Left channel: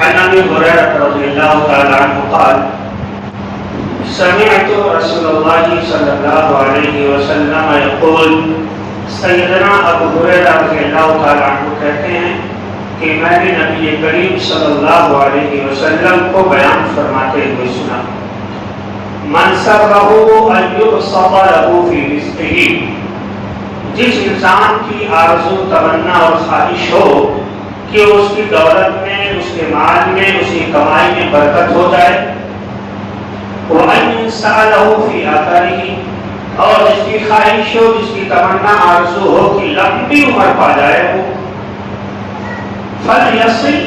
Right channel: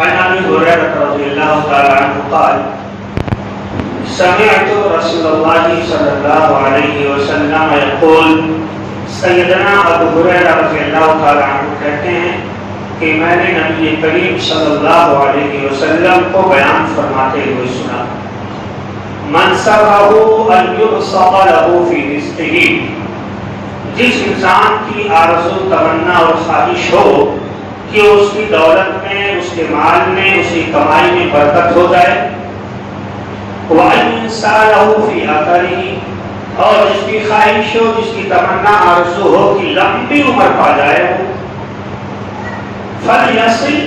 عن ابي هريره رضي الله تعالى عنه قال سمعت رسول الله صلى الله عليه وسلم يقول سیدنا ابو ہریرہ رضی اللہ تعالی عنہ کہتے ہیں کہ میں نے نبی کریم صلی اللہ علیہ وسلم کو بیان فرماتے ہوئے سنا من سرہ ان یبسط له فی رزقہ، جس انسان کی آرزو تمنا اور خواہش ہو کہ اس کی دولت میں، اس کے مال میں، اس کی کمائی میں برکت ہو جائے، وَأَنْ يَسْعَلَهُ فِي آخَرِهِ، اور جس کی خواہش ہو، جس کی تمنا آرزو ہو کہ لمبی عمر پا جائے، فَلْيَصِلْ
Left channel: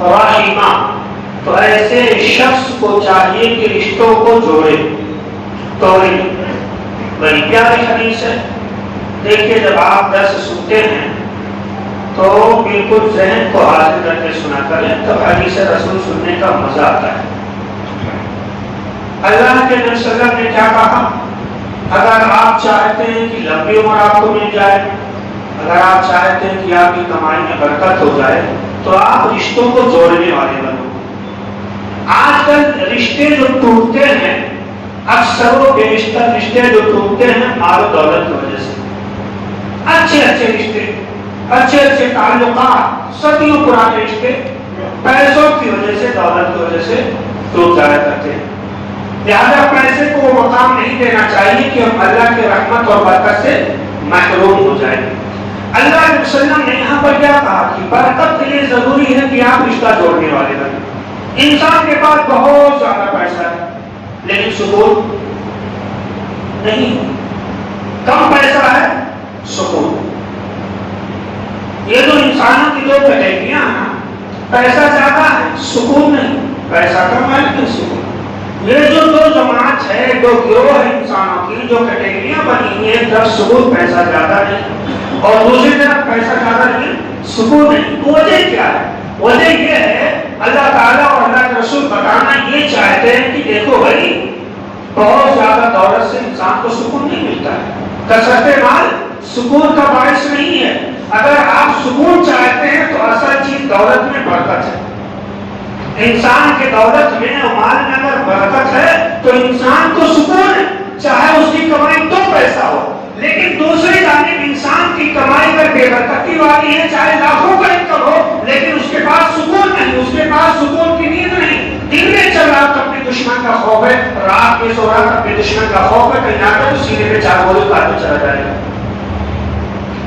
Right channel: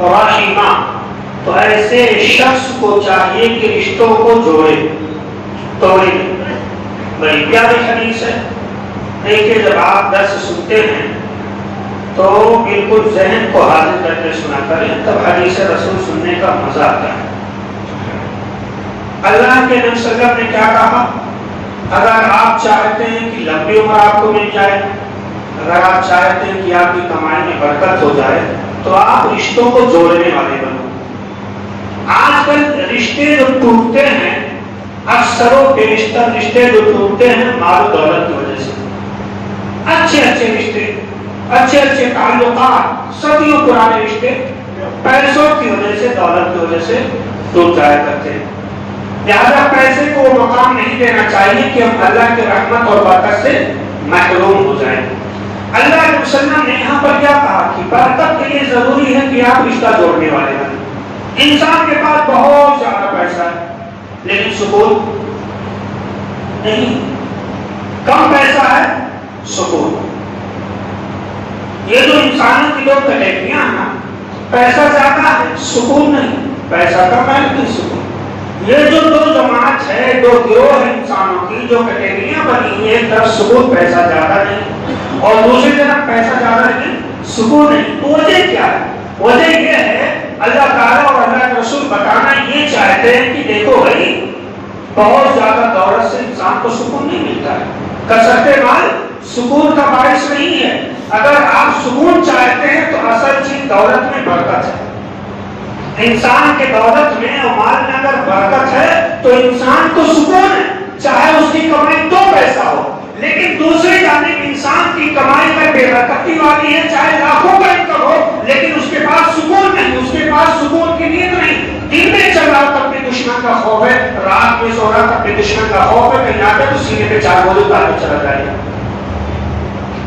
رَحِمَهُ، تو ایسے شخص کو چاہیے کہ رشتوں کو جوڑے توڑے۔ بڑی پیاری حدیث ہے۔ دیکھیے جب آپ درس سنتے ہیں تو بالکل ذہن کو حاضر کر کے سنا کریں، تب حدیث رسول سننے کا مزہ آتا ہے۔ اللہ کے نبی صلی اللہ علیہ وسلم نے کیا کہا؟ اگر آپ چاہتے ہیں کہ لمبی عمر آپ کو مل جائے، اگر آپ چاہتے ہیں کہ آپ کی کمائی میں برکت ہو جائے، تو آپ رشتوں کو جوڑنے والے بنو۔ آج کل رشتے جو ٹوٹتے ہیں، اکثر و بیشتر رشتے جو ٹوٹتے ہیں مال و دولت کی وجہ سے، اچھے رشتے، اچھے تعلقات، صدیوں پرانے رشتے پیسوں کی وجہ سے، دولت کی وجہ سے ٹوٹ جایا کرتے ہیں۔ لہذا پیسے کو مقام نہیں دینا چاہیے کہ ہم اللہ کی رحمت اور برکت سے محروم ہو جائیں۔ اللہ کے وسلم نے یہاں پر کیا کہا کہ برکت کے لیے ضروری ہے کہ آپ رشتہ جوڑنے والے بنیں۔ انسان کے پاس بہت زیادہ پیسہ ہے لیکن سکون نہیں، کم پیسہ ہے سکون۔ یہ جو انسانوں کی دو کیٹیگریاں ہیں، پیسہ زیادہ ہے سکون نہیں، پیسہ کم ہے لیکن سکون۔ یہ جو دو جماعت ہے، دو گروہ ہے انسانوں کی، جو کیٹیگریاں بنی ہوئی ہیں، ایک طرف سکون پیسہ زیادہ نہیں اور دوسری طرف پیسہ زیادہ نہیں سکون نہیں۔ وجہ کیا ہے؟ وجہ یہ ہے اللہ تعالیٰ اور اللہ کے رسول بتانا یہ چاہتے ہیں کہ دیکھو بھائی، بہت زیادہ دولت سے انسان کو سکون نہیں ملتا ہے، کثرت مال سکون کا باعث نہیں ہے۔ اگر آپ سکون چاہتے ہیں تو اصل چیز دولت میں برکت ہے۔ انسان کے دولت میں اور مال میں اگر برکت ہے تو انسان کو سکون ہے، چاہے اس کی کمائی دو پیسہ ہو، لیکن دوسری جانب انسان کی کمائی پر بے برکتی والی ہے، چاہے لاکھوں کا انکم ہو لیکن اس کے پاس سکون نہیں، اس کے پاس سکون کی نیند نہیں۔ دن میں چل رہا تو اپنے دشمن کا خوف ہے، رات میں سو رہا تو اپنے دشمن کا خوف ہے، کہیں آ کے تو سینے پہ چار گولی مار کے چلا جائے گا۔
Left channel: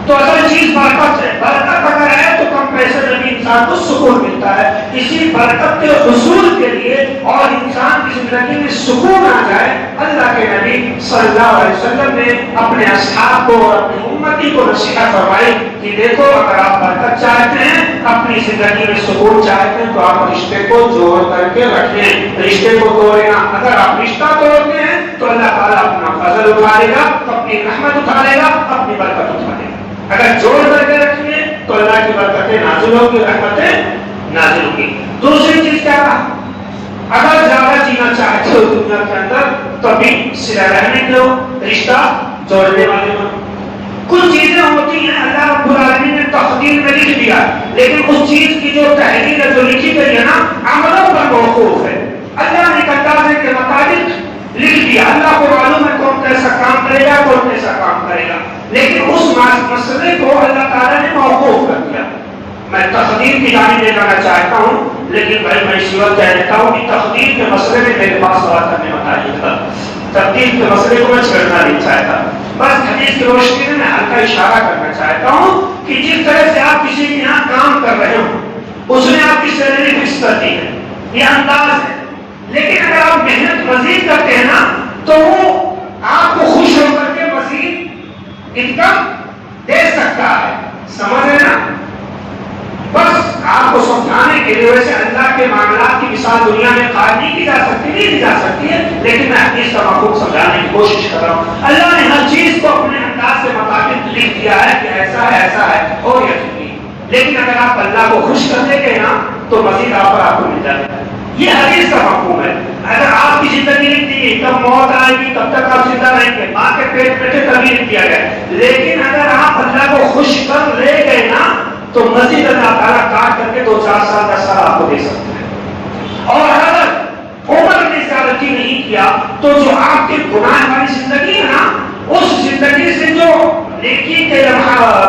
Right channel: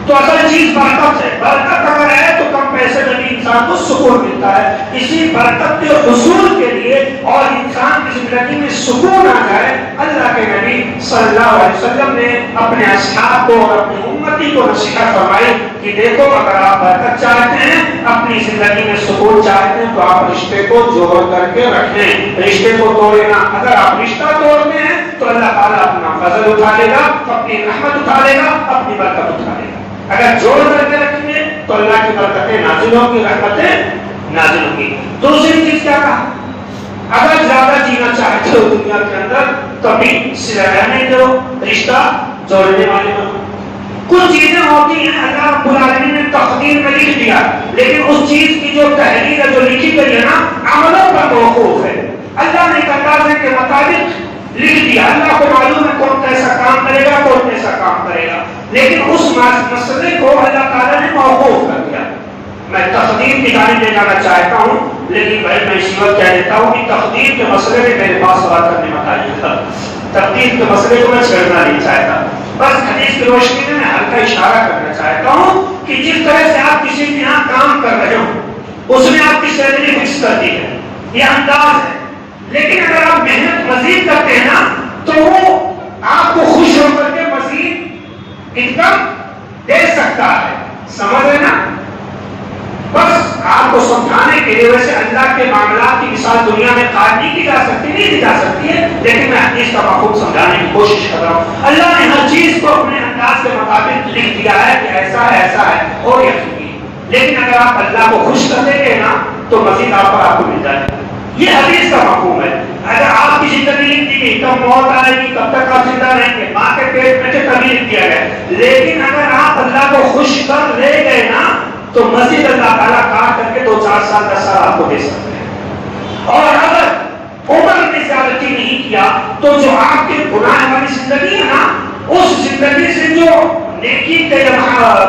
تو اصل چیز برکت ہے۔ برکت اگر ہے تو کم پیسے میں بھی انسان کو سکون ملتا ہے۔ اسی برکت کے حصول کے لیے اور انسان کی زندگی میں سکون آ جائے، اللہ کے نبی صلی اللہ علیہ وسلم نے اپنے اصحاب کو اور اپنی امتی کو نصیحت فرمائی کہ دیکھو اگر آپ برکت چاہتے ہیں، اپنی زندگی میں سکون چاہتے ہیں، تو آپ رشتے کو جوڑ کر کے رکھیں، رشتے کو توڑنا۔ اگر آپ رشتہ توڑتے ہیں تو اللہ تعالیٰ اپنا فضل اٹھا لے گا، اپنی رحمت اٹھا لے گا، اپنی برکت اٹھا لے گا۔ اگر جوڑ کر کے رکھیں گے تو اللہ کی برکتیں نازل ہوگی، رحمتیں نازل ہوگی۔ دوسری چیز کیا کہا؟ اگر زیادہ جینا چاہتے ہو دنیا کے اندر تو ابھی رہنے دو، رشتہ جوڑنے والے ہو۔ کچھ چیزیں ہوتی ہیں اللہ رب العالمین نے تقدیر میں لکھ دیا، لیکن اس چیز کی جو تحریر ہے، جو لکھی گئی ہے نا، عملوں پر موقوف ہے۔ اللہ نے تقاضے کے مطابق لکھ دیا، اللہ کو معلوم ہے کون کیسا کام کرے گا، کون کیسا کام کرے گا، لیکن اس مسئلے کو اللہ تعالیٰ نے موقوف کر دیا۔ میں تقدیر کی جانب لے جانا چاہتا ہوں، لیکن بھائی میں اسی وقت کہہ دیتا ہوں کہ تقدیر کے مسئلے میں میرے پاس بات کرنے والا نہیں تھا، تقدیر کے مسئلے کو میں چھیڑنا نہیں چاہتا، بس حدیث کی روشنی میں ہلکا اشارہ کرنا چاہتا ہوں کہ جس طرح سے آپ کسی کے یہاں کام کر رہے ہو اس میں آپ کی سیلری فکس کر دی ہے، یہ انداز ہے، لیکن اگر آپ محنت مزید کرتے ہیں نا تو وہ آپ کو خوش ہو کر کے مزید انکم دے سکتا ہے، سمجھ رہے نا؟ بس آپ کو سمجھانے کے لیے، ویسے اللہ کے معاملات کی مثال دنیا میں قائم نہیں کی جا سکتی ہے، لیکن میں حدیث کا مفہوم سمجھانے کی کوشش کر رہا ہوں۔ اللہ نے ہر چیز کو اپنے انداز کے مطابق لکھ دیا ہے کہ ایسا ہے اور یہ چکی، لیکن اگر آپ اللہ کو خوش کر دیں گے نا تو مزید آپ کو مل جائے گا۔ یہ حدیث کا مفہوم ہے۔ اگر آپ کی زندگی لکھ دی گئی تب موت آئے گی، تب تک آپ زندہ رہیں گے، ماں کے پیٹ میں تبھی لکھ دیا گیا، لیکن اگر آپ اللہ کو خوش کر لے گئے نا تو مزید اللہ تعالیٰ کاٹ کر کے 2-4 سال 10 سال آپ کو دے سکتے ہیں۔ کیا تو جو آپ کے گناہ والی زندگی ہے نا، اس زندگی سے جو نیکی کے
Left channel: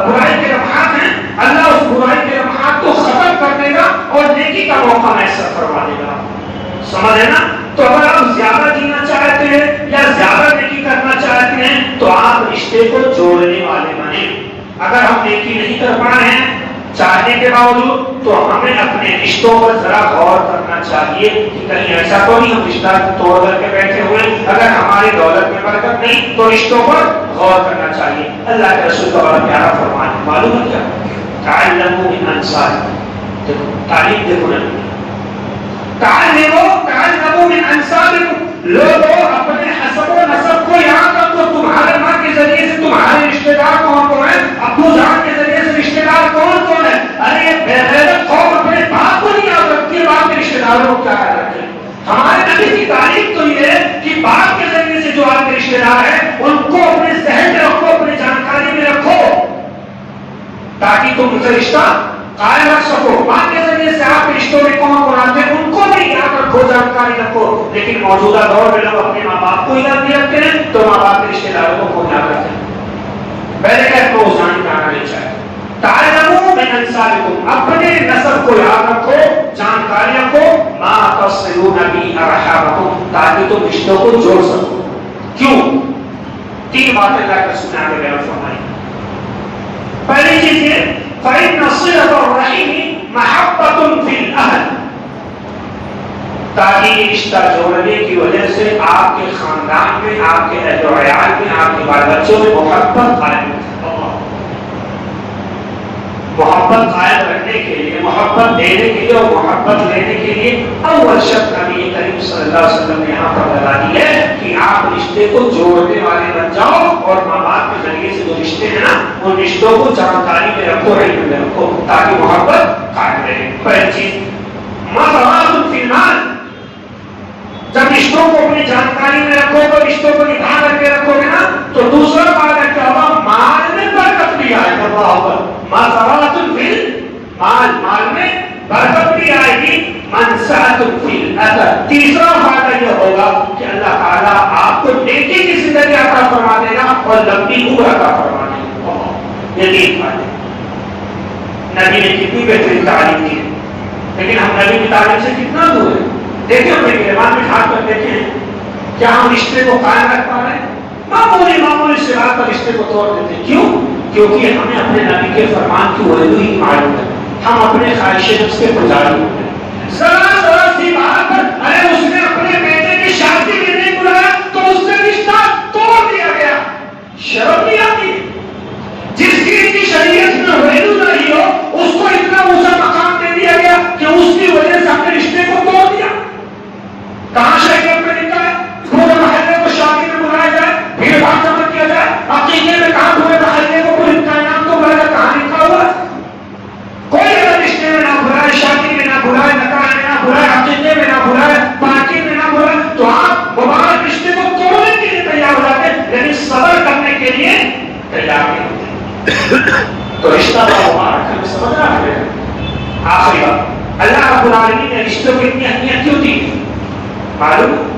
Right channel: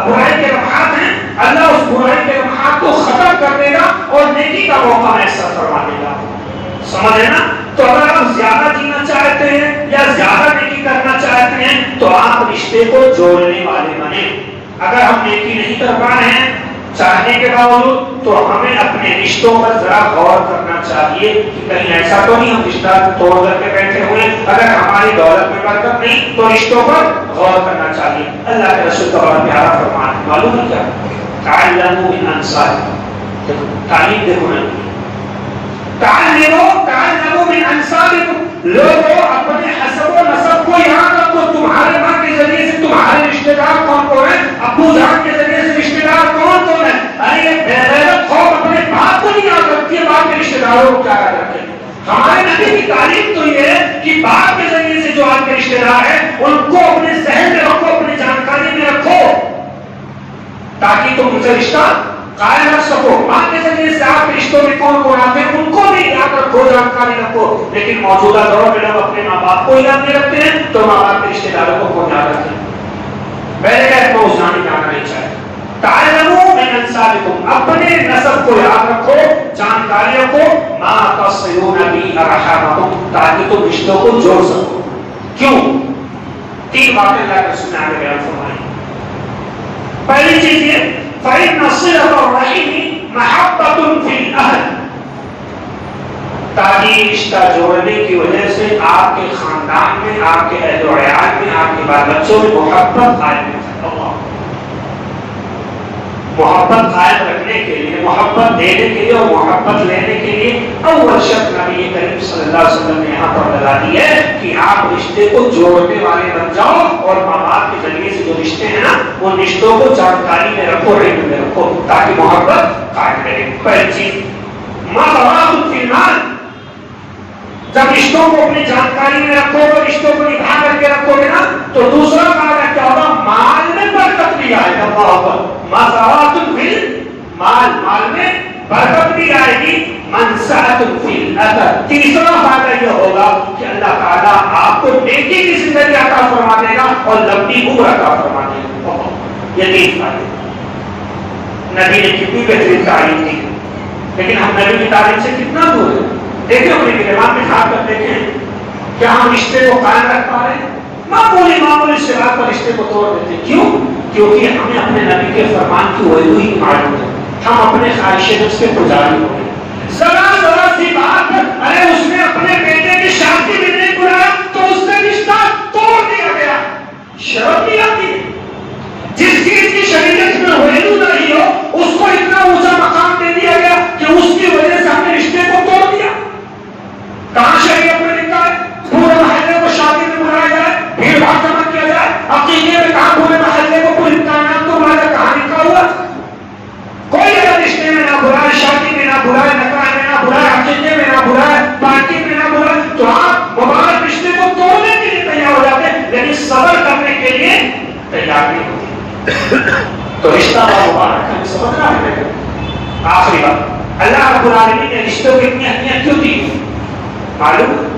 برائی کے لمحات ہیں، اللہ اس برائی کے لمحات کو ختم کر دے گا اور نیکی کا موقع میسر فرما دے گا. سمجھے نا؟ تو اگر آپ زیادہ جینا چاہتے ہیں یا زیادہ نیکی کرنا چاہتے ہیں تو آپ رشتے کو جوڑنے والے بنیں. اگر ہم نیکی نہیں کر پا رہے ہیں چاہنے کے باوجود تو ہمیں اپنے رشتوں پر ذرا غور کرنا چاہیے کہ کہیں ایسا تو نہیں ہم رشتہ توڑ کر کے بیٹھے ہوئے. اگر ہماری دولت میں برکت نہیں تو رشتوں پر غور کرنا چاہیے. اللہ کے رسول کا بڑا پیارا فرمان معلوم ہے کیا؟ تعلموا من انصارکم. دیکھو تعلیم دیکھو نہیں، تعلموا من انصارکم. لوگوں اپنے حسب و نسب کو یاد رکھو. تمہارے ماں کے ذریعے سے تمہارے رشتے دار کون کون ہیں، ابو جان کے ذریعے سے رشتے دار کون کون ہیں. ارے یہ بے غیرت قوم اپنے باپ کو نہیں یاد رکھتی ہے، باپ کے رشتے داروں کو کیا یاد رکھتے ہیں. ہمارے نبی کی تعلیم تو یہ ہے کہ باپ کے ذریعے سے جو آپ کے رشتے دار ہیں ان کو اپنے ذہن میں رکھو، اپنی جانکاری میں رکھو تاکہ تم ان سے رشتہ قائم رکھ سکو. ماں کے ذریعے سے آپ کے رشتوں میں کون کون آتے ہیں ان کو بھی یاد رکھو، جانکاری رکھو. لیکن موجودہ دور میں لوگ اپنے ماں باپ کو یاد نہیں رکھتے ہیں تو ماں باپ کے رشتے داروں کو کون یاد رکھتے ہیں. پہلے کہ کو جان کرانا نہیں چاہیے. تعلموا من انصارکم، اپنے نسب کو یاد رکھو، جانکاری رکھو. ما تصلون بی ارحامکم، تاکہ تم رشتوں کو جوڑ سکو. کیوں؟ تین باتیں اللہ کے رسول نے بیان فرمائی. پہلی چیز یہ فإن صلة الرحم محبة في الأهل، تاکہ رشتہ جوڑنے کی وجہ سے آپ کے خاندان میں، آپ کے اہل و عیال میں، آپ کے بال بچوں میں محبت قائم ہے. محبت قائم رکھنے کے لیے، محبت دینے کے لیے اور محبت لینے کے لیے اول شرط نبی کریم صلی اللہ علیہ وسلم نے یہاں پر لگا دی ہے کہ آپ رشتے کو جوڑنے والے بن جاؤ اور ماں باپ کے ذریعے سے جو رشتے ہیں نا ان رشتوں کو جانکاری میں رکھو، علم میں رکھو تاکہ محبت قائم رہے. پہلی چیز مَضَرَاتٌ فِي الْمَالِ، جب رشتوں کو اپنی جانکاری میں رکھو گے، رشتوں کو نبھا کر کے رکھو گے نا تو دوسرا کام ہے کیا ہوگا، مال میں برکت بھی آئے گا. اللہ اکبر. مَضَرَاتٌ فِي الْمَالِ، مال میں برکت بھی آئے گی. مَنْسَعَةٌ فِي الْأَثَرِ، تیسرا فائدہ یہ ہوگا کہ اللہ تعالیٰ آپ کو نیکی کی زندگی عطا فرما دے گا اور لمبی عمر عطا فرما دے گا. یہ تین فائدے. نبی نے کتنی بہترین تعلیم دی لیکن ہم نبی کی تعلیم سے کتنا دور ہیں. دیکھیں اپنے گرمان میں کھا کر دیکھیں کیا ہم رشتے کو قائم رکھ پا رہے ہیں. معمولی سے رات پر رشتے کو توڑ دیتے. کیوں؟ کیونکہ ہمیں اپنے نبی کے فرمان کی ویلو ہی معلوم ہے. ہم اپنے خواہش نفس کے پجاری ہو گئے. ذرا سی بات، ارے اس نے اپنے بیٹے کی شادی میں نہیں بلایا تو اس سے رشتہ توڑ دیا گیا. شرم نہیں آتی؟ جس چیز کی شریعت میں ویلو نہیں ہو اس کو اتنا اونچا مقام دے دیا گیا کہ اس کی وجہ سے ہم نے رشتے کو توڑ دیا. کہاں شریعت میں لکھا ہے پورے محلے کو شادی میں بلایا جائے، بھیڑ بھاڑ جمع کیا جائے؟ عقیدے میں کہاں پورے محلے کو پورے امتحانات کو بلایا، کہاں لکھا ہوا؟ کوئی اگر رشتے میں نہ بلائے، شادی میں نہ بلائے، نکاح میں نہ بلائے، عقیدے میں نہ بلائے، پارٹی میں نہ بلائے تو آپ مبارک رشتے کو توڑنے کے لیے تیار ہو جاتے ہیں لیکن صبر کرنے کے لیے تیار نہیں ہوتے. تو رشتہ مبارک ہمیں سمجھنا ہے. آخری بات، اللہ رب العالمین نے رشتوں کی اتنی اہمیت کیوں دی معلوم ہے؟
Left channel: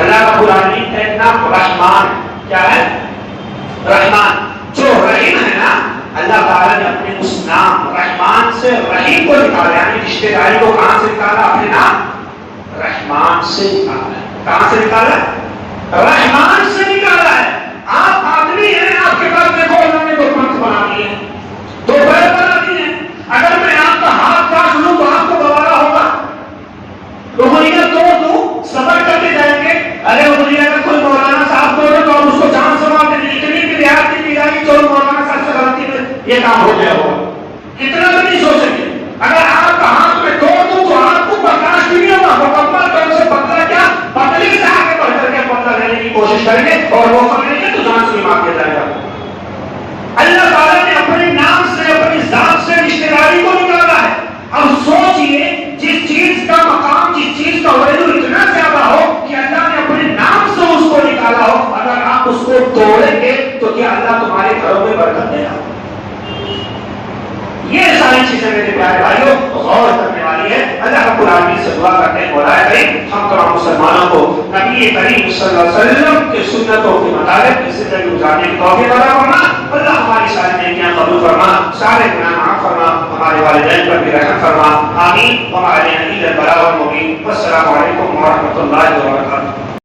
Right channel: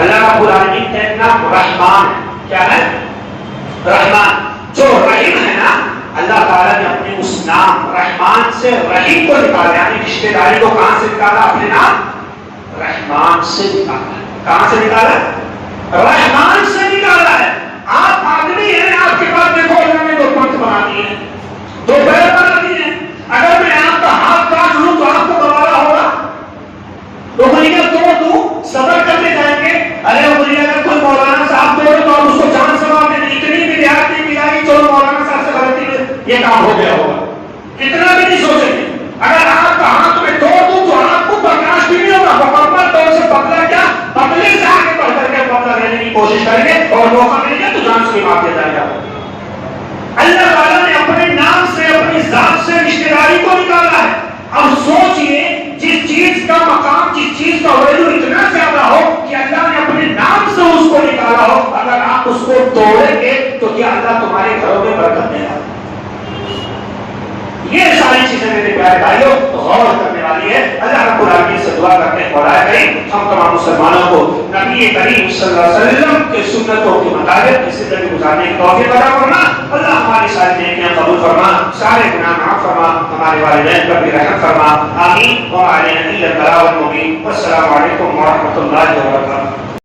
اللہ رب العالمین کا ایک نام رحمان ہے. کیا ہے؟ رحمان. جو رحیم ہے نا اللہ تعالیٰ نے اپنے اس نام رحمان سے رحیم کو نکالا، یعنی رشتے داری کو کہاں سے نکالا؟ اپنے نام رحمان سے نکالا. کہاں سے نکالا؟ رحمان سے نکالا ہے. آپ آدمی ہیں، آپ کے پاس دیکھو اللہ نے دو پنکھ بنا دیے ہیں، دو پیر بنا دیے ہیں. اگر میں آپ کا ہاتھ کاٹ لوں تو آپ کو بتانا ہوگا روحانیت توڑ دوں، صبر کر کے جائیں گے. ارے روحانیت کا کوئی مولانا صاحب توڑے تو آپ اس کو جان سوال دیں. اتنی بھی دیہات نہیں ملائی چلو مولانا صاحب سے غلطی میں یہ کام ہو گیا ہوگا، اتنا بھی نہیں سوچیں گے. اگر آپ کا ہاتھ میں توڑ دوں تو آپ کو برداشت بھی نہیں ہوگا. مکمل طور سے بدلا کیا بدلی سے آگے بڑھ کر کے بدلا لینے کی کوشش کریں گے اور موقع ملے گا تو جان سے معاف کیا جائے گا. اللہ تعالیٰ نے اپنے نام سے اپنی ذات سے رشتے داری کو نکالا ہے. اب سوچئے جس چیز کا مقام، جس چیز کا ویلو اتنا زیادہ ہو کہ اللہ نے اپنے نام سے اس کو نکالا ہو، اگر آپ اس کو توڑیں گے تو کیا اللہ تمہارے گھروں میں برکت دے گا؟ یہ ساری چیزیں میرے پیارے بھائیوں غور کرنے والی والی ہے. اللہ رب العالمین سے دعا کرنے کو آئے بھائی ہم تمام مسلمانوں کو نبی کریم صلی اللہ علیہ وسلم کے سنتوں کے مطابق اس زندگی گزارنے کی توفیق عطا فرما. اللہ ہماری ساری نیکیاں قبول فرما, سارے گناہ معاف فرما, ہمارے والدین پر بھی رحم فرما. آمین. وعلیہ البلاغ المبین. والسلام علیکم ورحمۃ اللہ وبرکاتہ.